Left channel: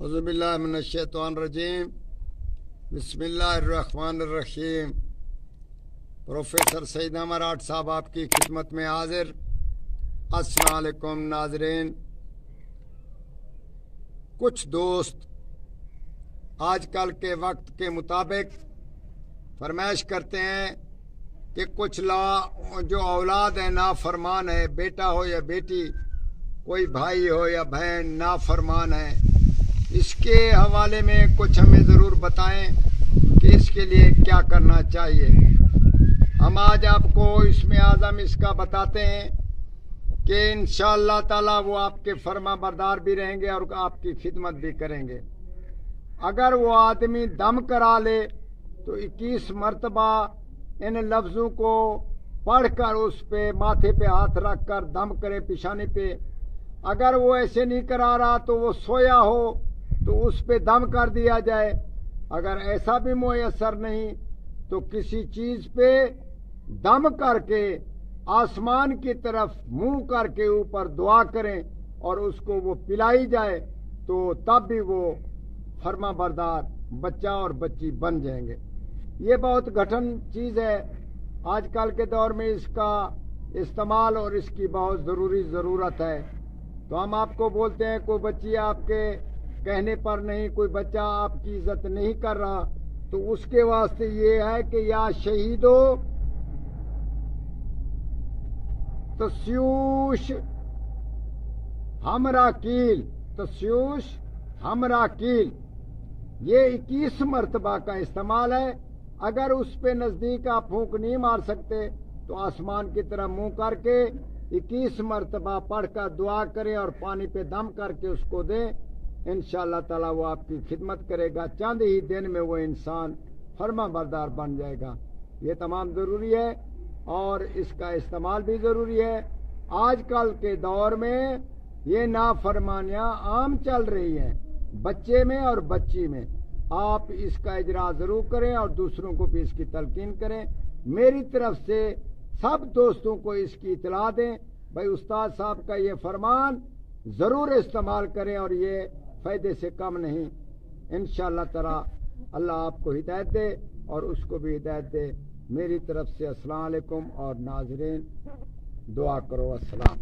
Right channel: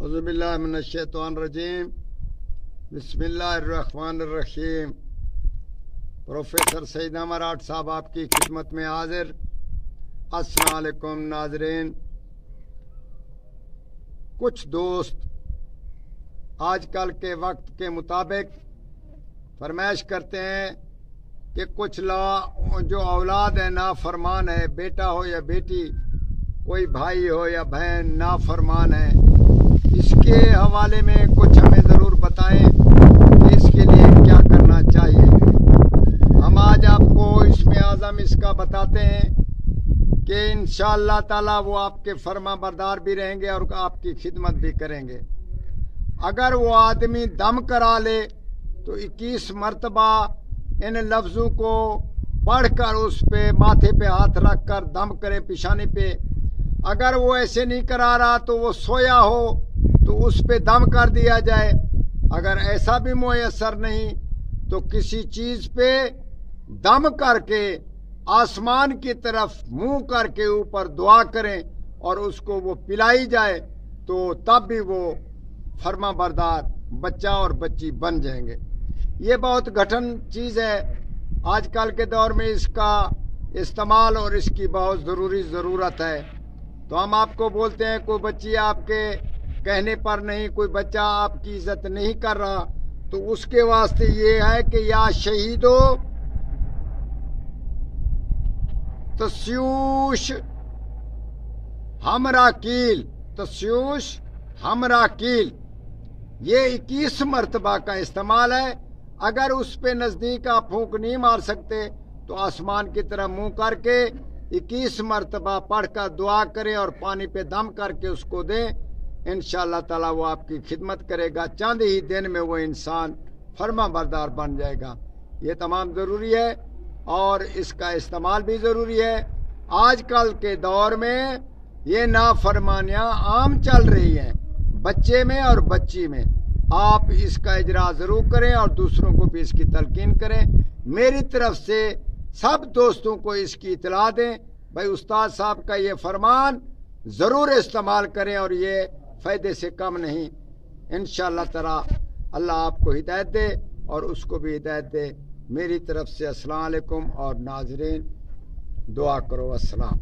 اعوذ باللہ من الشیطان الرجیم بسم اللہ الرحمن الرحیم۔ پروفیسر سعید امراٹ صاحب آپ کی خدمت میں حاضر۔ السلام علیکم ناظرین۔ کچھ دوست آج کل کے وقت کے مطابق فرمائش کرتے ہیں کہ کچھ جو اولاد ہے نافرمان ہے، بیٹا ہو یا بیٹی، کوئی بھائی ہو یا بہن نافرمان ہے، اس کے حوالے میں کچھ ہمیں ضرور بتائیں کہ اس کے لیے کیا کرنا چاہیے۔ ہم آج آپ کو اسم اعظم اس کا بتاتے ہیں کہ انشاءاللہ تعالی وہ آپ کے فرما بردار بھی رہیں گے اور آپ کی خدمت بھی کریں گے۔ اگر وہ آدمی دم کرا لے تو 21 مرتبہ ان لفظوں کو پڑھ کر اس پہ ماتھے پہ ہاتھ رکھ کر دم کرے پیشانی پہ۔ اگر وہ ایسے نہیں کرا رہا تو وہ سویا ہو تو اس پہ دم کر دیا جائے۔ اگر ایسا بھی میسر نہیں تو کسی چیز پہ دم کر کے آسمان کی طرف منہ کر کے اوپر دعا کریں اور اس کو وہ پلائی جائے تو تب بھی وہ فرما بردار بچہ اور بچی بن جائیں گے۔ یہ بہت گھٹن چیز ہے۔ آج کل کے دور میں اس کا استعمال اور اس کی بہت ضرورت ہے۔ تو ہم آپ کو بولتے ہیں کوئی بچی آپ کے کہنے پر نہیں، کوئی بچہ آپ کی عزت نہیں کر رہا تو اس کے واسطے یہ ہے کہ یا شہیدو تسیوش ہمرا کیل، تسیوش ہمرا کیل، یہ 21 مرتبہ کا استعمال ہے۔ اگر اس پہ نزدیک آپ پھونک نہیں مار سکتے تو آسمان کی طرف منہ کر کے 21 مرتبہ پڑھ کر دعا کریں اور پانی پہ دم کر کے اس کو دیں۔ انشاءاللہ تعالی وہ آپ کی خدمت کرے گا، چند ہی دن میں وہ انسان فرما بردار بن جائے گا۔ یہ تمام ضروری ہے اور اس کا استعمال بھی ضروری ہے۔ آج کل کے دور میں یہ نافرمانیاں عام چل رہی ہیں، بچے میں اور بچی میں۔ آپ اس کا اجرا ضرور کریں اور دوسروں کو بھی اس کی تلقین کریں۔ میری طرف سے سب دوستوں کو اس کی اطلاع دیں، بھائی استاد صاحب کا یہ فرمان ضرور استعمال کریں اور یہ فائدے سے کم نہیں۔ انشاءاللہ تعالی اللہ آپ کو ہدایت دے اور اس کو بھی ہدایت دے۔ میری طرف سے السلام علیکم اور ناظرین دعا کرو۔ السلام۔